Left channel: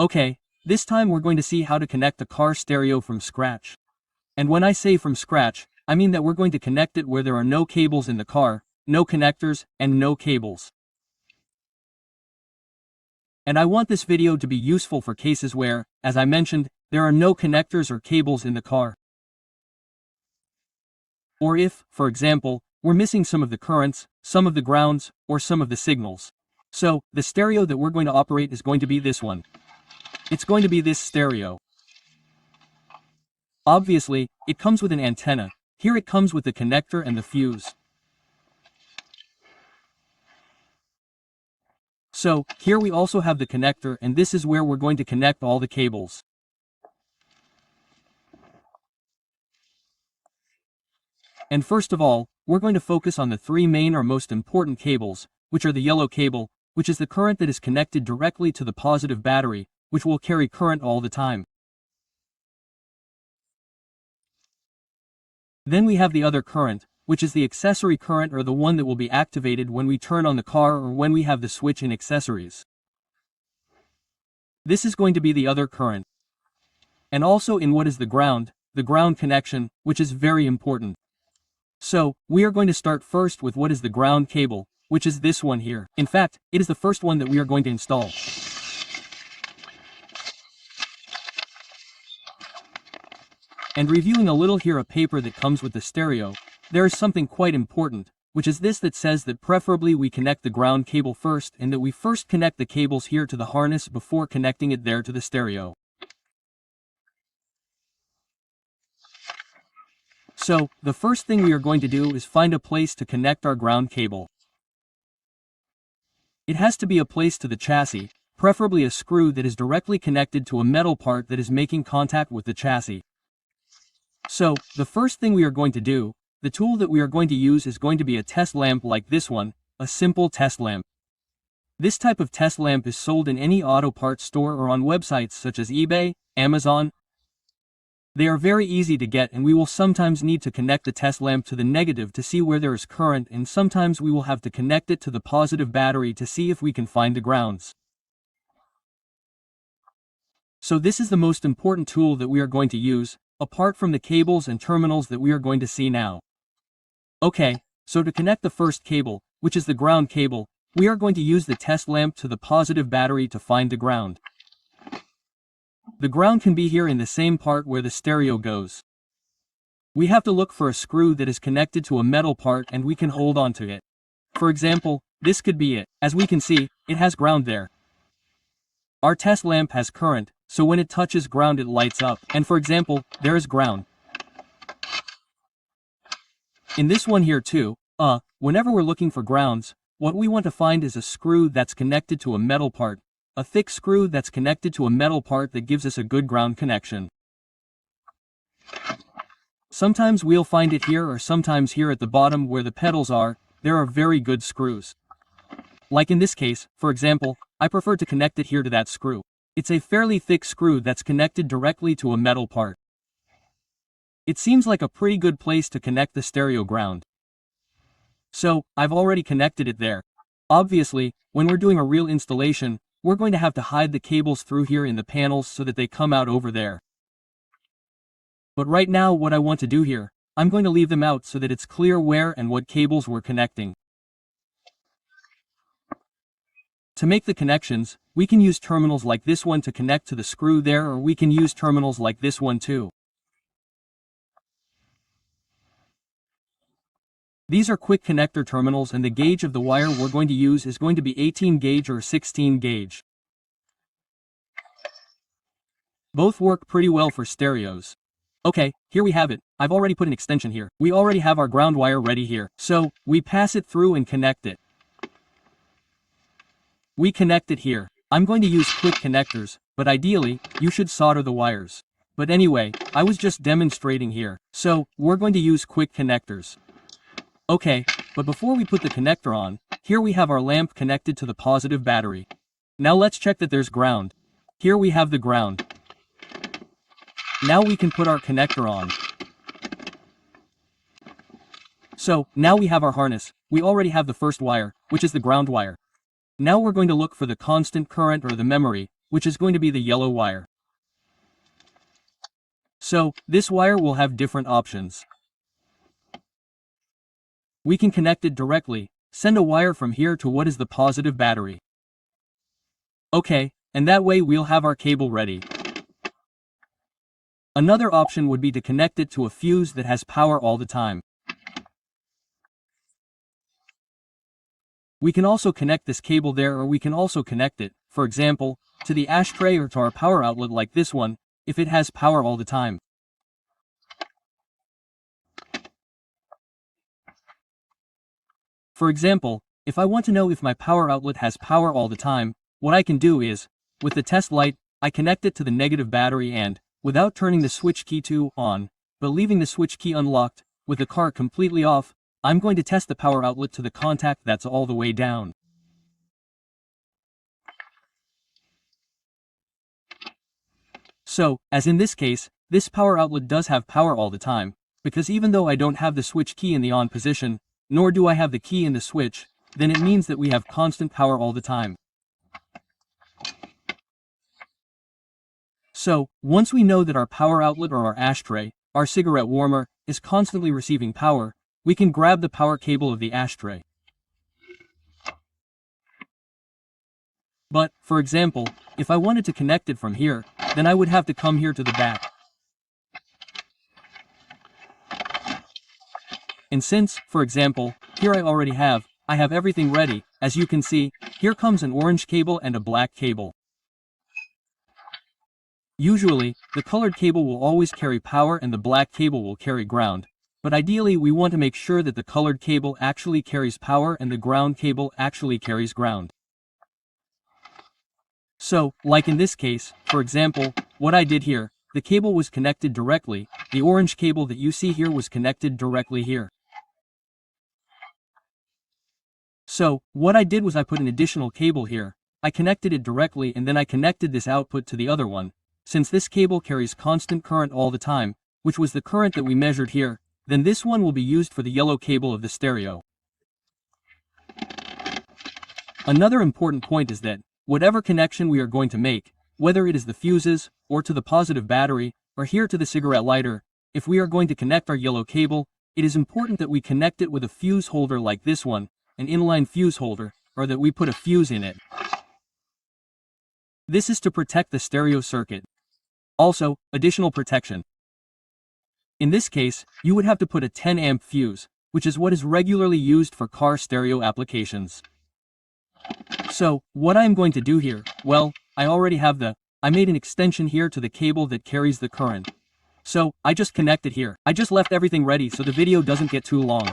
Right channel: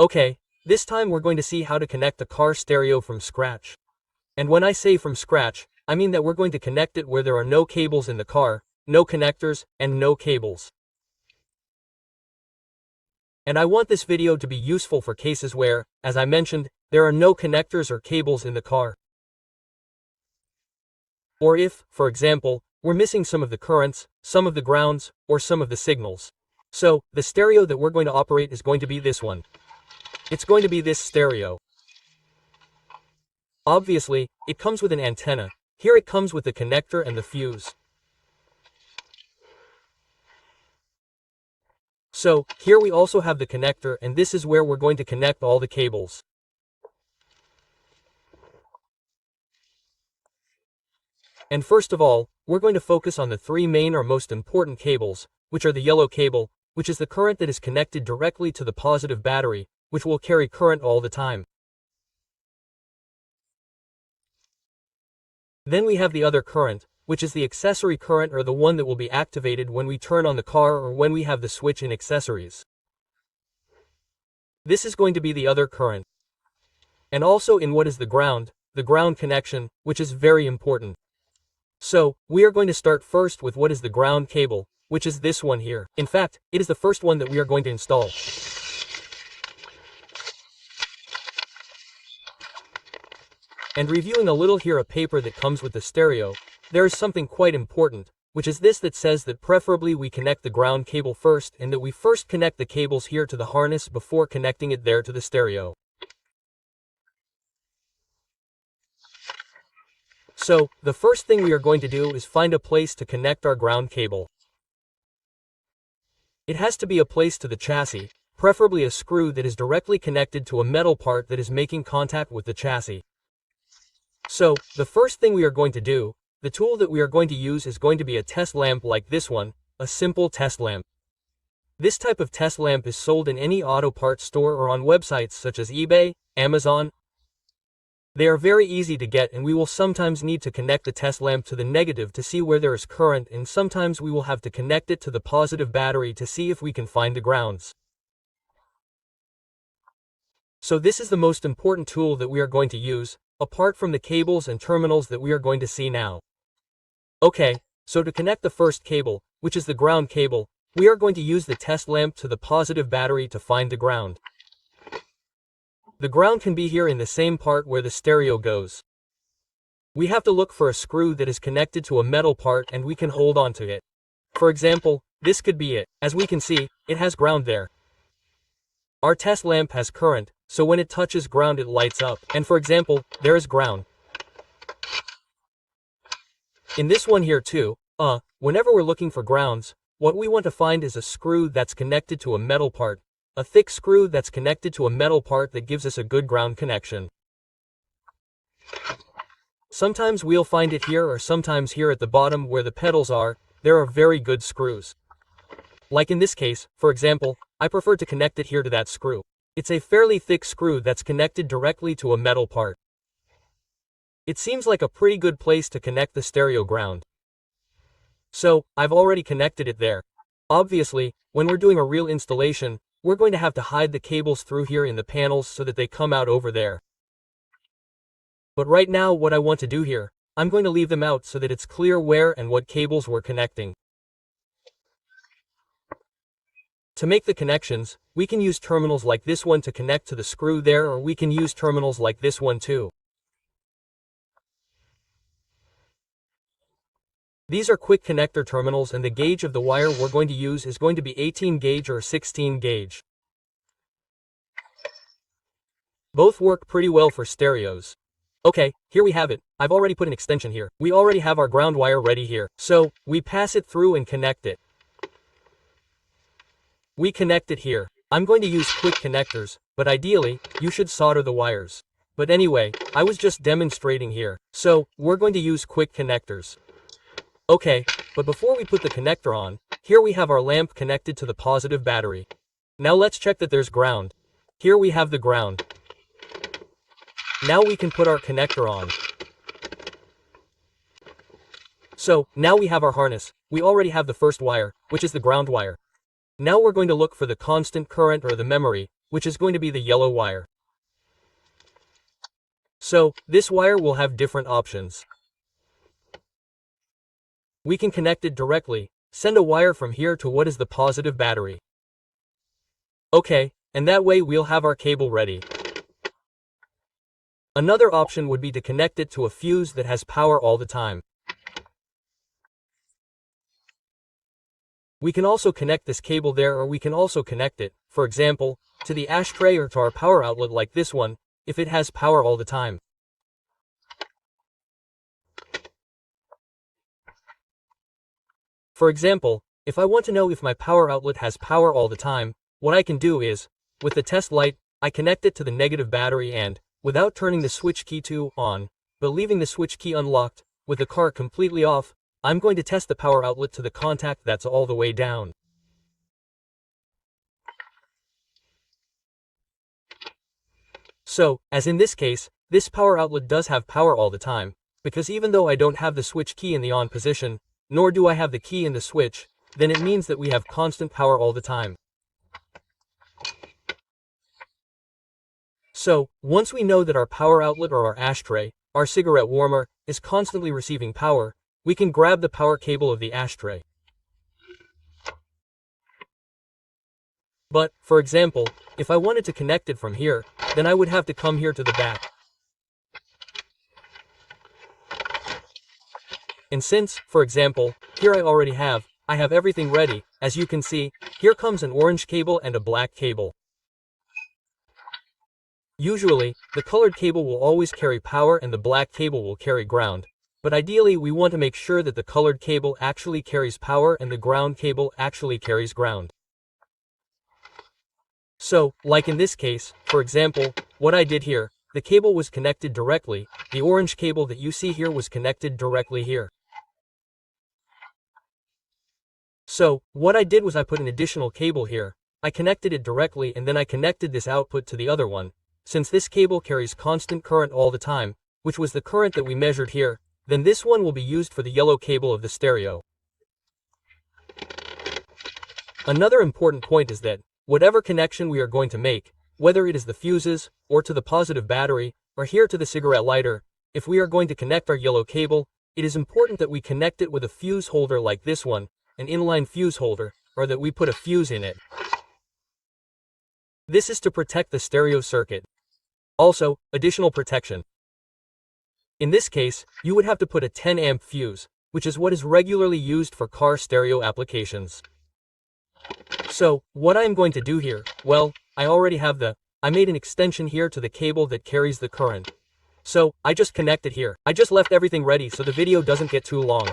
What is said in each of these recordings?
Okay, this time we're going to see how to connect the car stereo from scratch. And when I say from scratch, I mean that we're going to connect it where there are no cables in the car, no connectors, and no cables. And I want this video to be useful for cases where, as I mentioned, there are no connectors or cables in the car. Or if, for example, we're missing some of the currents, some of the grounds, or some of the signals. So, the stereo that we're going to operate is going to be this one. It's going to be this stereo. Obviously, it comes with an antenna. Here it comes with the connector and the fuse. So, here we also have the connector, and this is where we're going to connect all the cables. And first of all, we're going to focus on the three main or most important cables, which are the yellow cable, which is the current that is connected directly to the positive battery, which will carry current all the time. Then we have the other current, which is the accessory current or the one that will be activated when we turn on the car or when we have the switch in accessories. This is going to be the other current. And also in what is the ground connection, which is very important. So, we are going to start first with what is the ground cable, which is this one here. In fact, it is the first one that we are going to install. And reviewing a little here a paper that comes with the stereo, there is something quite important, which is this that says that preferably we connect the ground cable first and that we first connect the cables here to the harness before connecting it there to the stereo. So, the first thing we are going to do is find a place to connect our ground cable. It has to be a place to the chassis, preferably a screw that is directly connected to a metal part that is making contact with the chassis. So, the first thing we are going to do, the tool that we are going to use is going to be a test lamp like this one, a simple test lamp. This type of test lamp is sold in any auto parts store or on websites such as eBay, Amazon. They are very easy to get, and we will sometimes need to connect the test lamp to the negative to see where there is current, and sometimes we will have to connect it to the positive battery to see if we can find the grounds. So this is the most important tool that we are going to use, apart from the cables and terminals that we are going to see now. Okay, so to connect the first cable, which is the ground cable, we are going to use the test lamp to the positive battery to find the ground. The ground can be here in the same part where the stereo goes. We have to look for a screw that is connected to a metal part and we can hold on to it. For example, this could be it. As we can see, it has ground there. Our test lamp has current, so when it touches ground it lights up, and for example, there is ground. In this one here too, whenever we're looking for grounds, what we want to find is a screw that's connected to a metal part, a thick screw that's connected to a metal part that gives us a good ground connection. Sometimes we'll find it here or sometimes here at the bottom where the pedals are, there are very good screws. Like in this case, for example, I prefer to connect it here to that screw. It's a fairly thick screw that's connected directly to a metal part. It seems like a pretty good place to connect the stereo ground. So, I've already connected it there. Obviously, when we're doing a real installation, we're going to have to hide the cables through here in the panels so that they come out over there. But right now what I want to do here, I'm going to leave them out so that it's clear where and what cables we're connecting. To make the connections, we can use terminals like this one to connect to the screw there, or we can use terminals like this one too. These are quick connector terminals, and the gauge of the wire we're going to use is going to be 18 gauge or 16 gauge. Both work pretty well for stereos. Okay, here we have it. I've already put an extension here. We already have our ground wire ready here. So, we pass it through and connect it. We connect it here. I'm going to use quick connectors, but ideally, you should solder the wires. But anyway, I was just demonstrating here. So, we're going to use quick connectors. Okay, but before we put the connector on, here we have our lamp connected to the positive battery. Now let's check that there's ground. Here we have the ground. Now we can put our connector on. So, now we have our harness. We already have the first wire, which is the ground wire. Now we're going to look for the constant current or the memory, which is going to be the yellow wire. So, this wire will have different options. We can connect it directly, send a wire from here to what is the positive battery. Okay, and that way we'll have our cable ready. Another option would be to connect it to a fuse that has power all the time. We can also connect this cable there, or we can also connect it, for example, to the ashtray or to our power outlet like this one, if it has power all the time. For example, if I want to know if my power outlet has power all the time, what I can do is, with the test light, I connect it to the negative battery and, without turning the switch key to on, but leaving the switch key unlocked, with the car completely off, I'm going to test the power outlet to the contact that's all the way down. So, as in this case, this power outlet does have power all the time, because even though I don't have the switch key in the on position, nor do I have the key in the switch, then it means that we have constant power all the time. So, once we know that our power outlet or our ashtray, our cigarette warmer, is constantly receiving power, we can grab the power cable of the ashtray. But, for example, if I wanted to connect it from here, then I would have to come here to the back. And since, for example, here I have everything ready, as you can see, here comes an orange cable and a black cable. Usually, the colored cable will always carry power and the black cable will carry ground, but ideally we want to make sure that the colored cable actually carries power and the ground cable actually carries ground. So, like in this case, for example, what I did here, the cable was connected directly, the orange cable that you see here was connected directly here. So, what I did was I put an additional cable here, I connected it directly and then I connected this output to the other one. Since this cable carries constant current all the time, which was the current that we measured here, then this one will be used for the yellow cable of the stereo. Another important point is that, whatever connection we are going to make, whether it is the fuses, or to the positive battery, or here to the cigarette lighter, if we are going to connect our yellow cable, it is important that we connect it with a fuse holder like this one, an inline fuse holder, or that we put a fuse in it. This is to protect the stereo circuit. Also, additional protection. In this case, you would have to put a 10 amp fuse, which is what is regularly used for car stereo applications. So, what I am going to do here, well, I made an extension here to the cable that carries the current. So, I just connect it here. I just left everything ready so the video doesn't get too long.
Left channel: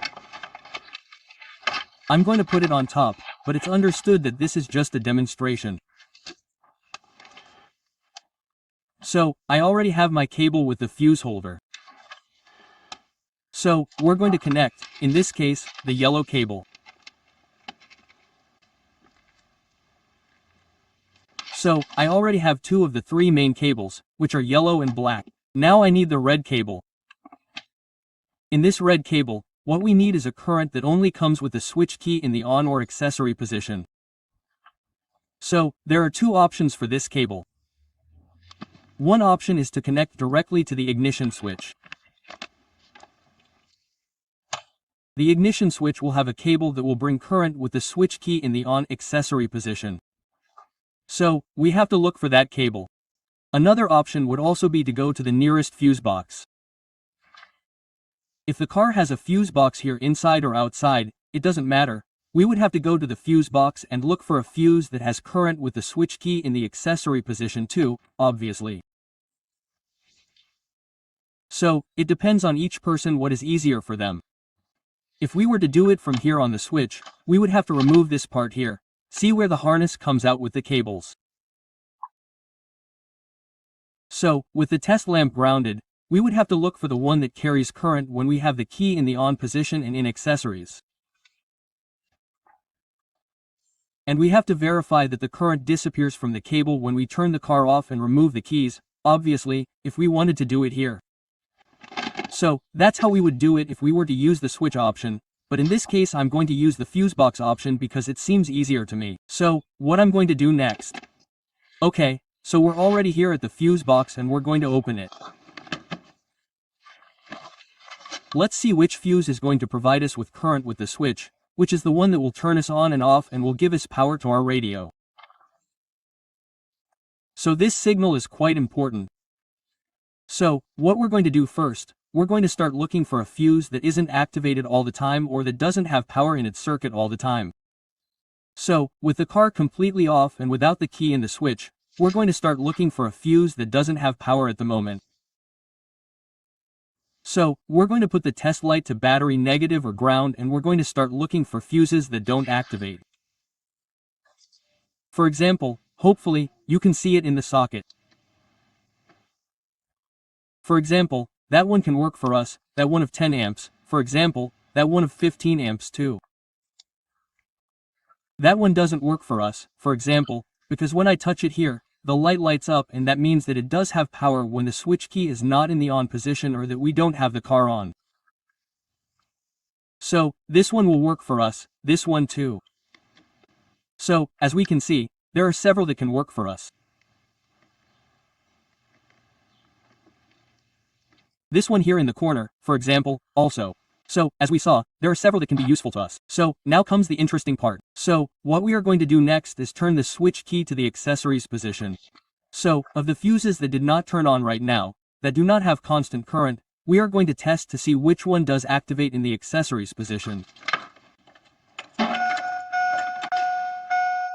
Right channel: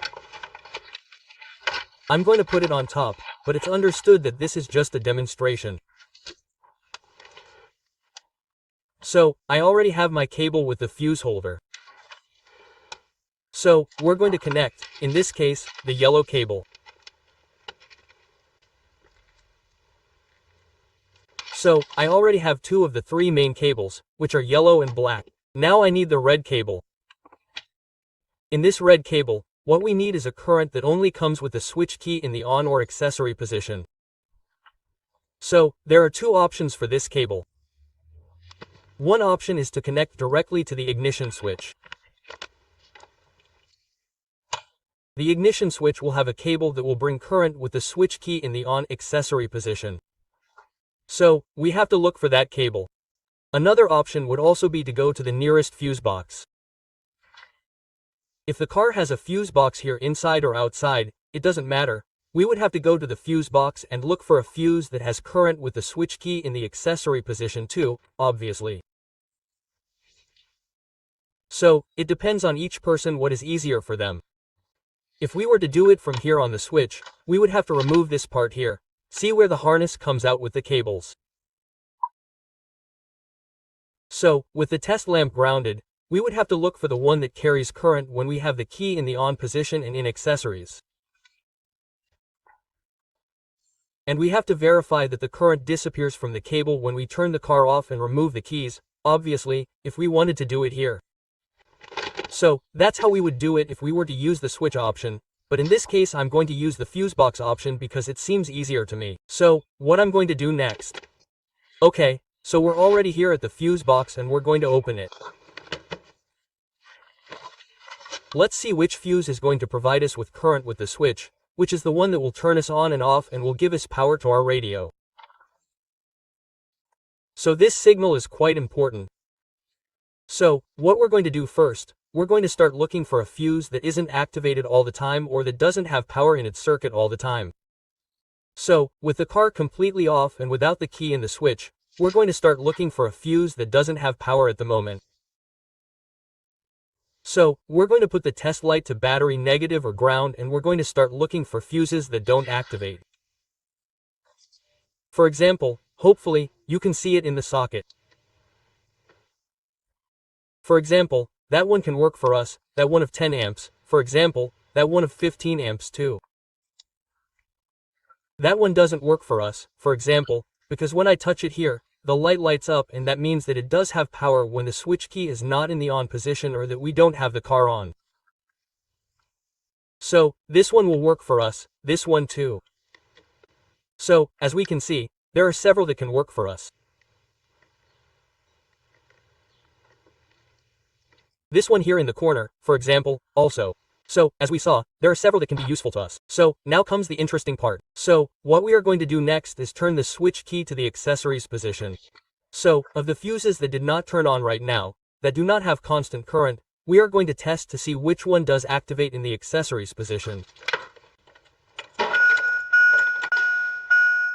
I'm going to put it on top, but it's understood that this is just a demonstration. So, I already have my cable with the fuse holder. So, we're going to connect, in this case, the yellow cable. So, I already have two of the three main cables, which are yellow and black. Now I need the red cable. In this red cable, what we need is a current that only comes with the switch key in the on or accessory position. So, there are two options for this cable. One option is to connect directly to the ignition switch. The ignition switch will have a cable that will bring current with the switch key in the on accessory position. So, we have to look for that cable. Another option would also be to go to the nearest fuse box. If the car has a fuse box here inside or outside, it doesn't matter. We would have to go to the fuse box and look for a fuse that has current with the switch key in the accessory position too, obviously. So, it depends on each person what is easier for them. If we were to do it from here on the switch, we would have to remove this part here. See where the harness comes out with the cables. So, with the test lamp grounded, we would have to look for the one that carries current when we have the key in the on position and in accessories. And we have to verify that the current disappears from the cable when we turn the car off and remove the keys, obviously, if we wanted to do it here. So, that's how we would do it if we were to use the switch option, but in this case I'm going to use the fuse box option because it seems easier to me. So, what I'm going to do next. Okay, So we're already here at the fuse box and we're going to open it. Let's see which fuse is going to provide us with current with the switch, which is the one that will turn us on and off and will give us power to our radio. So this signal is quite important. So, what we're going to do first, we're going to start looking for a fuse that isn't activated all the time or that doesn't have power in its circuit all the time. So, with the car completely off and without the key in the switch, we're going to start looking for a fuse that doesn't have power at the moment. So, we're going to put the test light to battery negative or ground and we're going to start looking for fuses that don't activate. For example, hopefully, you can see it in the socket. For example, that one can work for us, that one of 10 amps, for example, that one of 15 amps too. That one doesn't work for us, for example, because when I touch it here, the light lights up and that means that it does have power when the switch key is not in the on position or that we don't have the car on. So, this one will work for us, this one too. So, as we can see, there are several that can work for us. This one here in the corner, for example, also. So, as we saw, there are several that can be useful to us. So, now comes the interesting part. So, what we are going to do next is turn the switch key to the accessories position. So, of the fuses that did not turn on right now, that do not have constant current, we are going to test to see which one does activate in the accessories position.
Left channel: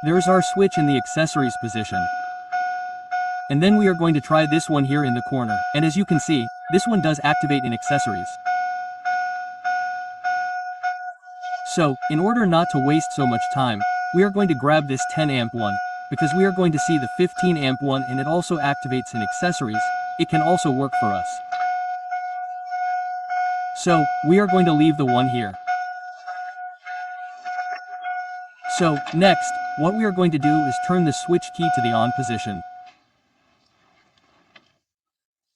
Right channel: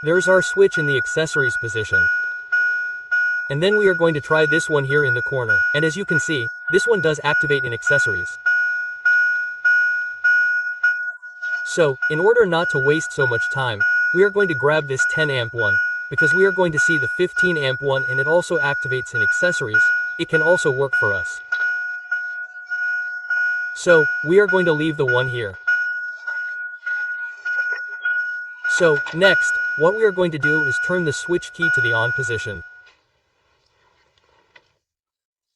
There's our switch in the accessories position. And then we are going to try this one here in the corner. And as you can see, this one does activate in accessories. So, in order not to waste so much time, we are going to grab this 10 amp one, because we are going to see the 15 amp one and it also activates in accessories. It can also work for us. So, we are going to leave the one here. So, next, what we are going to do is turn the switch key to the on position.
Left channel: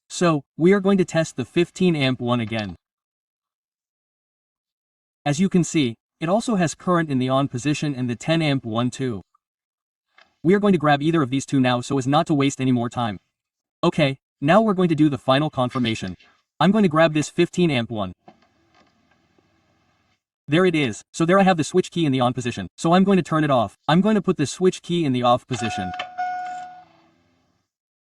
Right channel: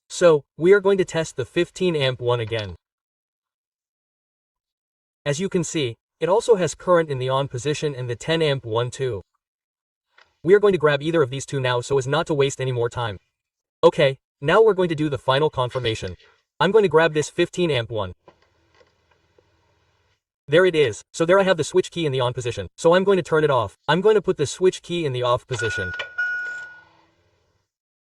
So, we are going to test the 15 amp one again. As you can see, it also has current in the on position and the 10 amp one too. We are going to grab either of these two now so as not to waste any more time. Okay, now we're going to do the final confirmation. I'm going to grab this 15 amp one. There it is. So there I have the switch key in the on position. So I'm going to turn it off. I'm going to put the switch key in the off position.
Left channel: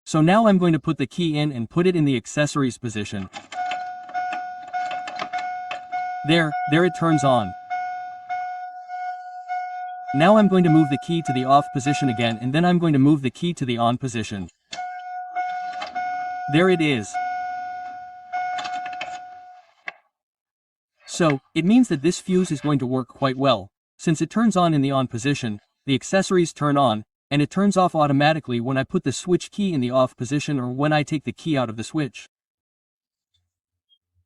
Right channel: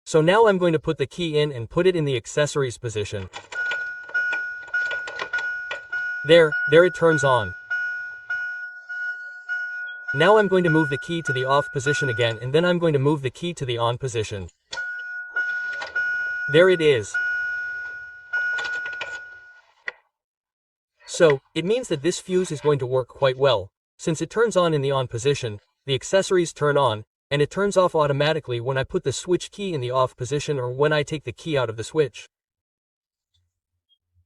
So now I'm going to put the key in and put it in the accessories position. There it turns on. Now I'm going to move the key to the off position again and then I'm going to move the key to the on position. There it is. So, it means that this fuse is going to work quite well, since it turns on in the on position, the accessories turn on, and it turns off automatically when I put the switch key in the off position or when I take the key out of the switch.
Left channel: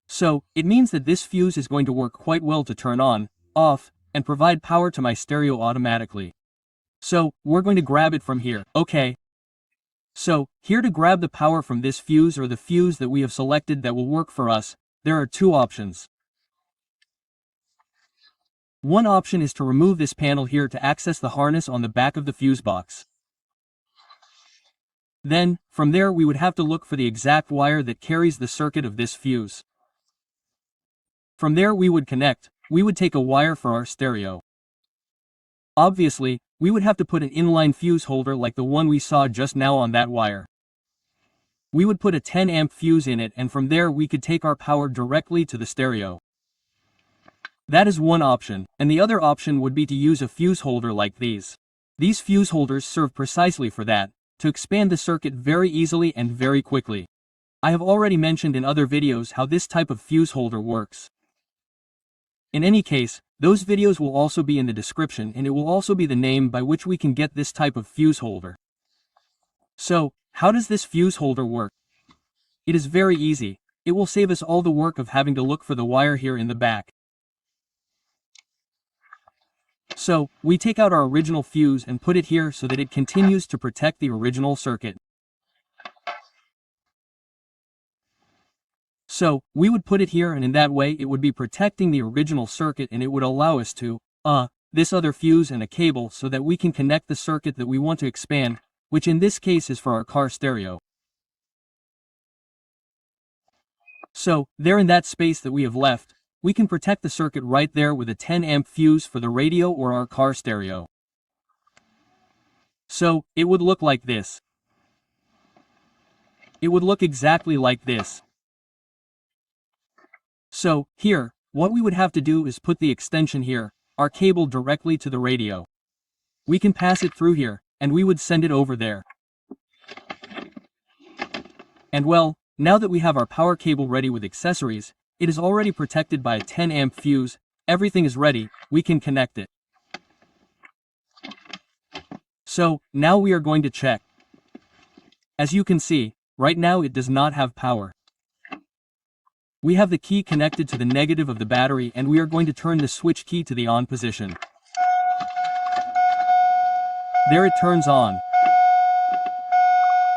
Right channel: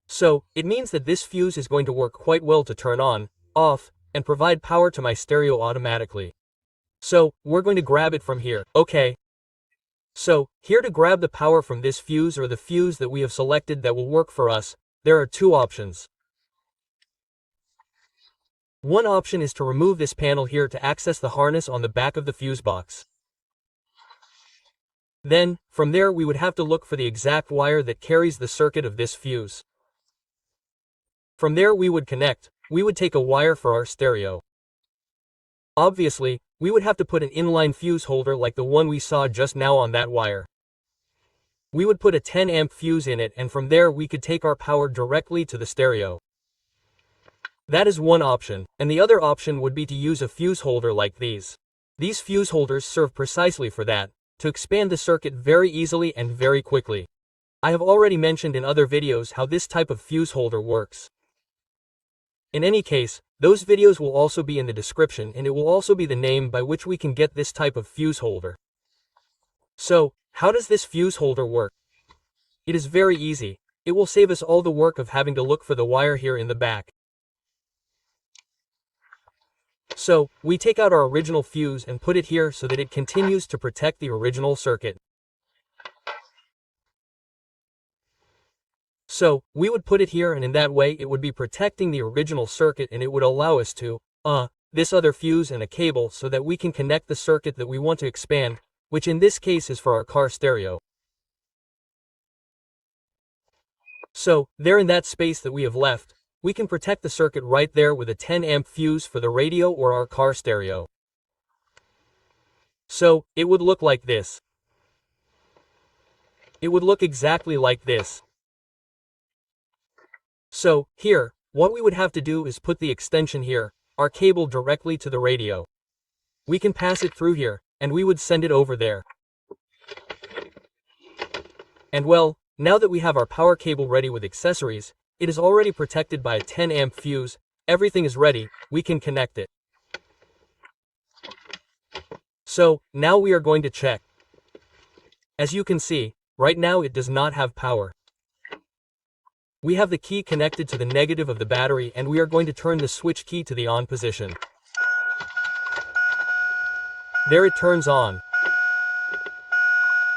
So, it means that this fuse is going to work quite well to turn on, off, and provide power to my stereo automatically. So, we're going to grab it from here, okay? So, here to grab the power from this fuse or the fuse that we have selected that will work for us, there are two options. One option is to remove this panel here to access the harness on the back of the fuse box. Then, from there we would have to look for the exact wire that carries the circuit of this fuse. From there we would take a wire for our stereo. Obviously, we would have to put an inline fuse holder like the one we saw just now on that wire. We would put a 10 amp fuse in it and from there we could take our power directly to the stereo. That is one option, and the other option would be to use a fuse holder like these. These fuse holders serve precisely for that, to expand the circuit very easily and very quickly. I have already mentioned in other videos how this type of fuse holder works. In any case, those videos will also be in the description and it will also be the name by which we can get this type of fuse holder. So, how does this fuse holder work? It is very easy. It will save us all the work of having to look for the wire here in the back. So, we take out our original fuse and put it here so that it continues to protect the original circuit. So, we would put it here and in that way it would be protecting the original circuit and it would allow us to, this other fuse and a cable so that we can connect the circuit that we want to expand, which in this case is for our car stereo. So, there in that space that we have left, we can protect the circuit right there with a 10 amp fuse for the radio or our car stereo. So, it would look like this. It would look exactly like this. So, here, what we would have to do is put the extension here, our cable directly to the radio. We can pass it through here, and we would send it over there. And well, now that we have our power cable ready with accessories, it is already protected by a 10 amp fuse, everything is ready, we can connect it. So, now we are going to check. As you can see, right now it does not have power. We have the key connected to the negative of the battery and we are going to turn the switch key to the on position. There it turns on.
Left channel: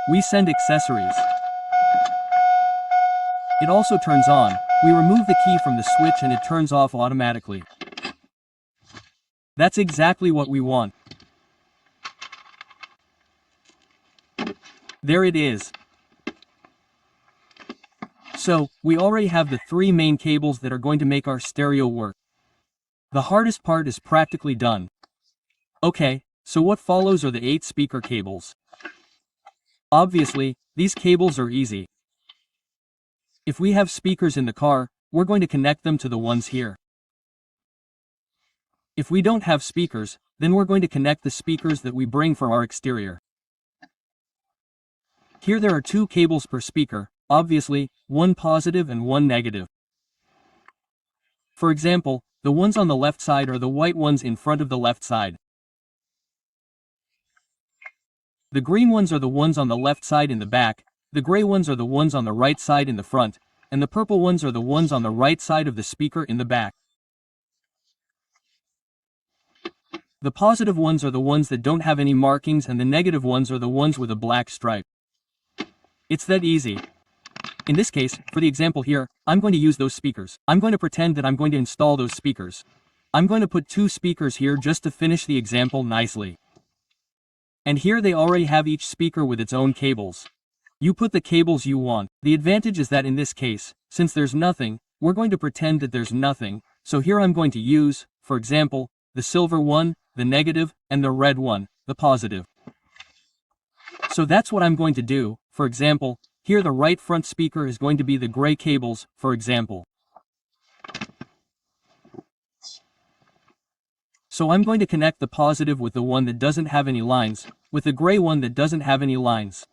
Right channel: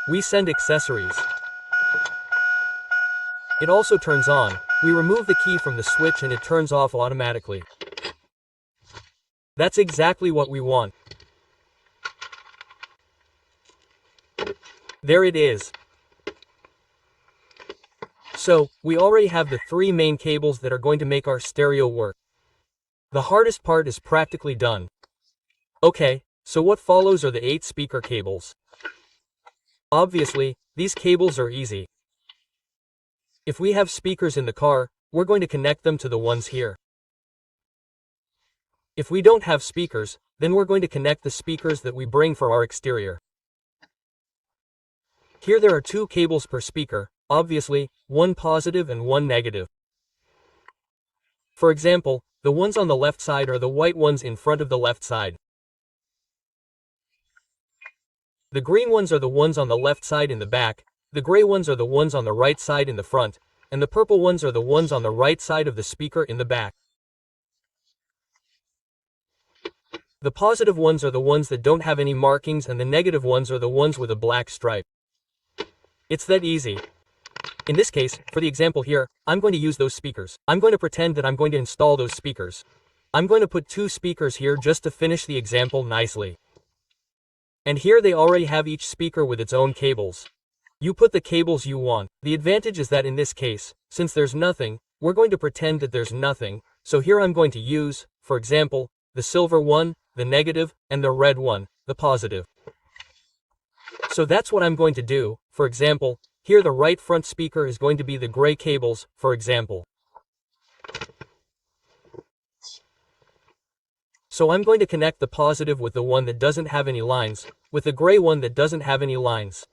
We send accessories. It also turns on. We remove the key from the switch and it turns off automatically. That's exactly what we want. There it is. So, we already have the 3 main cables that are going to make our stereo work. The hardest part is practically done. Okay, so what follows are the 8 speaker cables. Obviously, these cables are easy. If we have speakers in the car, we're going to connect them to the ones here. If we don't have speakers, then we're going to connect the speakers that we bring from our exterior. Here there are 2 cables per speaker, obviously, one positive and one negative. For example, the ones on the left side are the white ones in front of the left side. The green ones are the ones on the left side in the back, the gray ones are the ones on the right side in the front, and the purple ones are the ones on the right side of the speaker in the back. The positive ones are the ones that don't have any markings and the negative ones are the ones with a black stripe. It's that easy. In this case, for the example here, I'm going to use those speakers. I'm going to pretend that I'm going to install those speakers. I'm going to put 2 speakers here just to finish the example nicely. And here they already have each speaker with its own cables. You put the cables you want. The advantage is that in this case, since there's nothing, we're going to pretend that there's nothing, so here I'm going to use, for example, the silver one, the negative, and the red one, the positive. So that's what I'm going to do. For example, here the right front speaker is going to be the gray cables, for example. So I'm going to connect the positive with the one that doesn't have any lines, with the gray one that doesn't have any lines.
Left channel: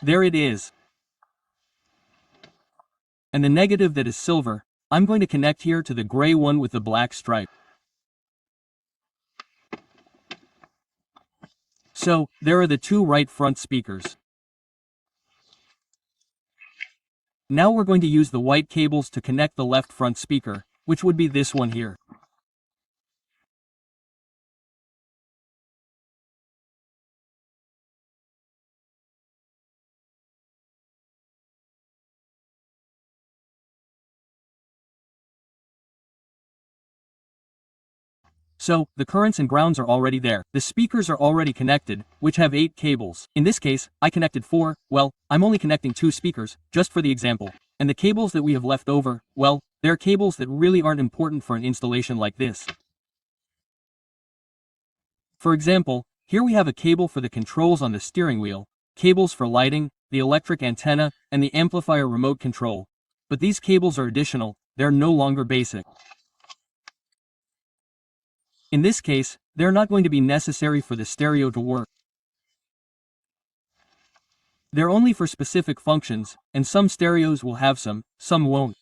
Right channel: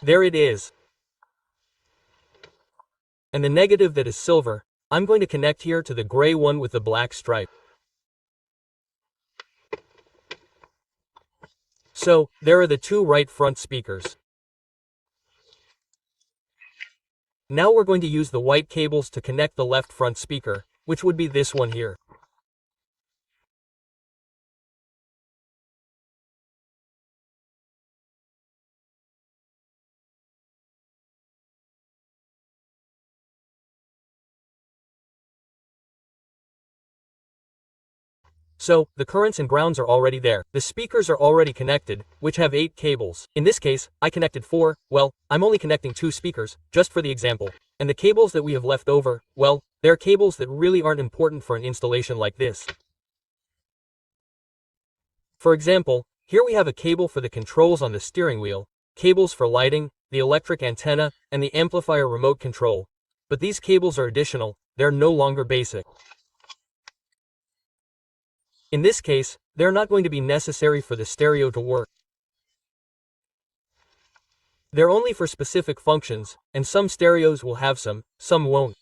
There it is. And the negative that is silver, I'm going to connect here to the gray one with the black stripe. So, there are the 2 right front speakers. Now we're going to use the white cables to connect the left front speaker, which would be this one here. So, the currents and grounds are already there. The speakers are already connected, which have 8 cables. In this case, I connected 4, well, I'm only connecting 2 speakers, just for the example. And the cables that we have left over, well, they're cables that really aren't important for an installation like this. For example, here we have a cable for the controls on the steering wheel, cables for lighting, the electric antenna, and the amplifier remote control. But these cables are additional, they're no longer basic. In this case, they're not going to be necessary for the stereo to work. They're only for specific functions, and some stereos will have some won't.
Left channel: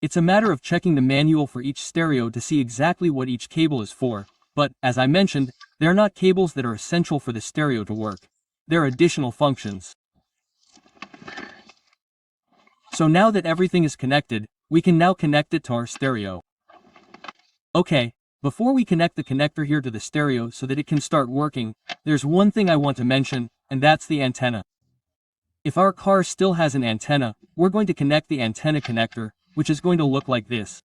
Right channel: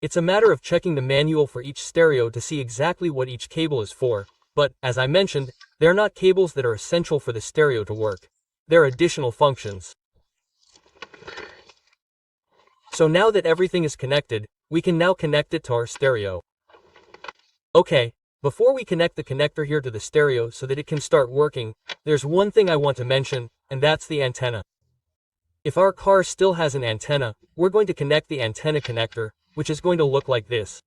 It's a matter of checking the manual for each stereo to see exactly what each cable is for, but, as I mentioned, they're not cables that are essential for the stereo to work. They're additional functions. So now that everything is connected, we can now connect it to our stereo. Okay, before we connect the connector here to the stereo so that it can start working, there's one thing I want to mention, and that's the antenna. If our car still has an antenna, we're going to connect the antenna connector, which is going to look like this.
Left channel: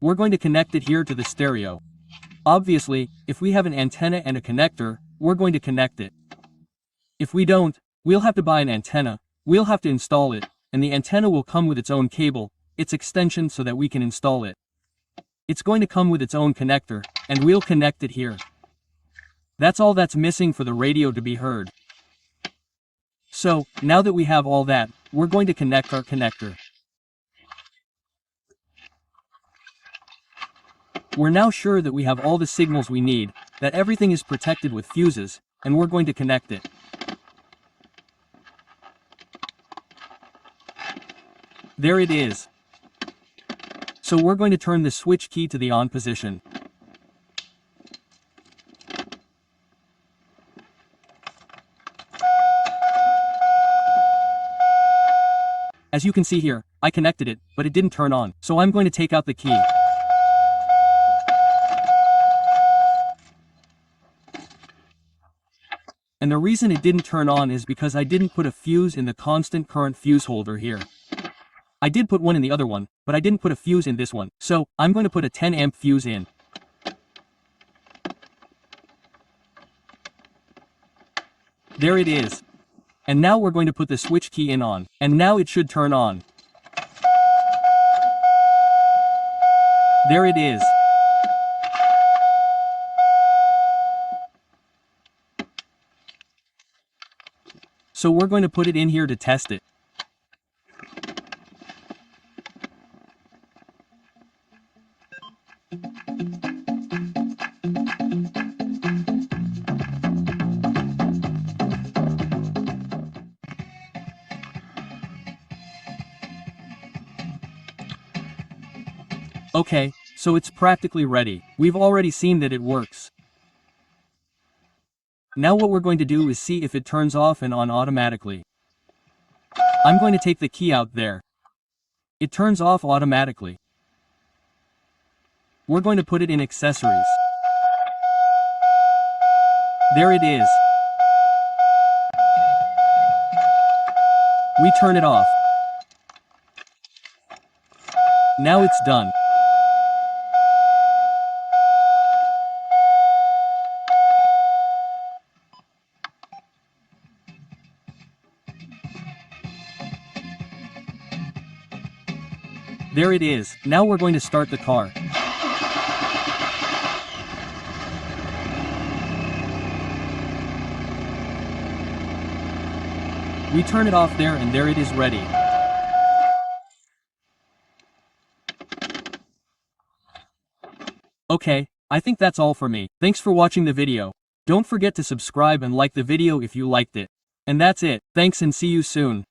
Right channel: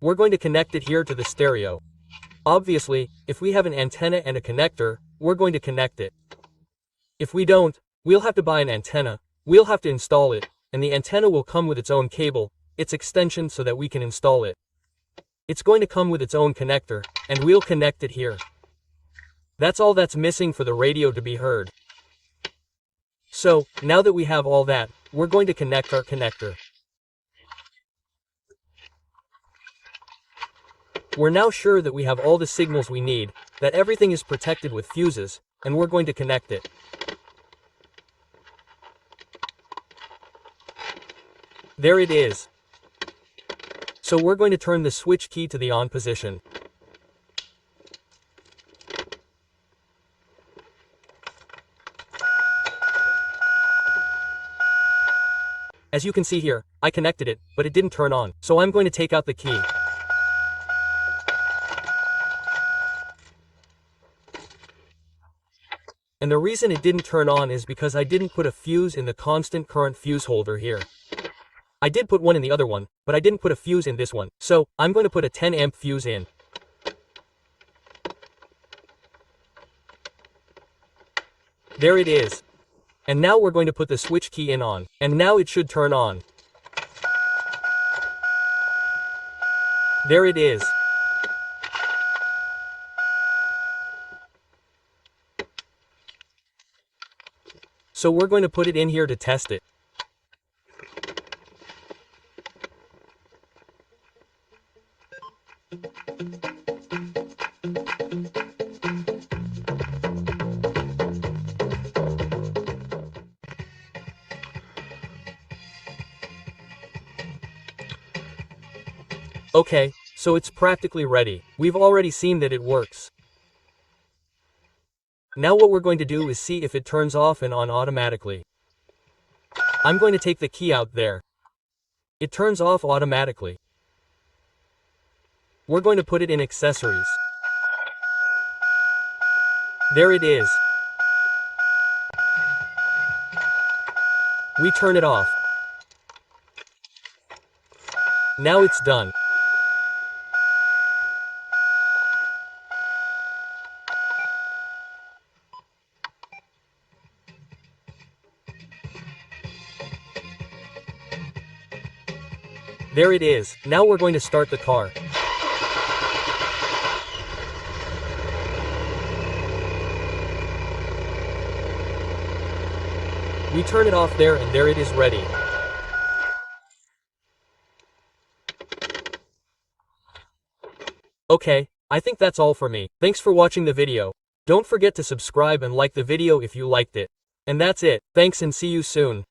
We're going to connect it here to the stereo. Obviously, if we have an antenna and a connector, we're going to connect it. If we don't, we'll have to buy an antenna, we'll have to install it, and the antenna will come with its own cable, its extension so that we can install it. It's going to come with its own connector, and we'll connect it here. That's all that's missing for the radio to be heard. So, now that we have all that, we're going to connect our connector. We're now sure that we have all the signals we need, that everything is protected with fuses, and we're going to connect it. There it is. So we're going to turn the switch key to the on position. As you can see here, I connected it, but it didn't turn on, so I'm going to take out the key. And the reason it didn't turn on is because I didn't put a fuse in the constant current fuse holder here. I did put one in the other one, but I didn't put a fuse in this one, so I'm going to put a 10 amp fuse in. There it is. And now we're going to put the switch key in on, and now it should turn on. There it is. So we're going to put it in here to test it. Okay, so it's practically ready. We've already seen that it works. Now what we're going to do is see if it turns off and on automatically. I'm going to take the key out there. It turns off automatically. We're going to put it in accessories. There it is. We turn it off. Now it's done. There it is. Now we're going to start the car. We turn it off there and there it is ready. Okay, I think that's all for me. Thanks for watching the video. Don't forget to subscribe and like the video if you liked it. And that's it. Thanks and see you soon.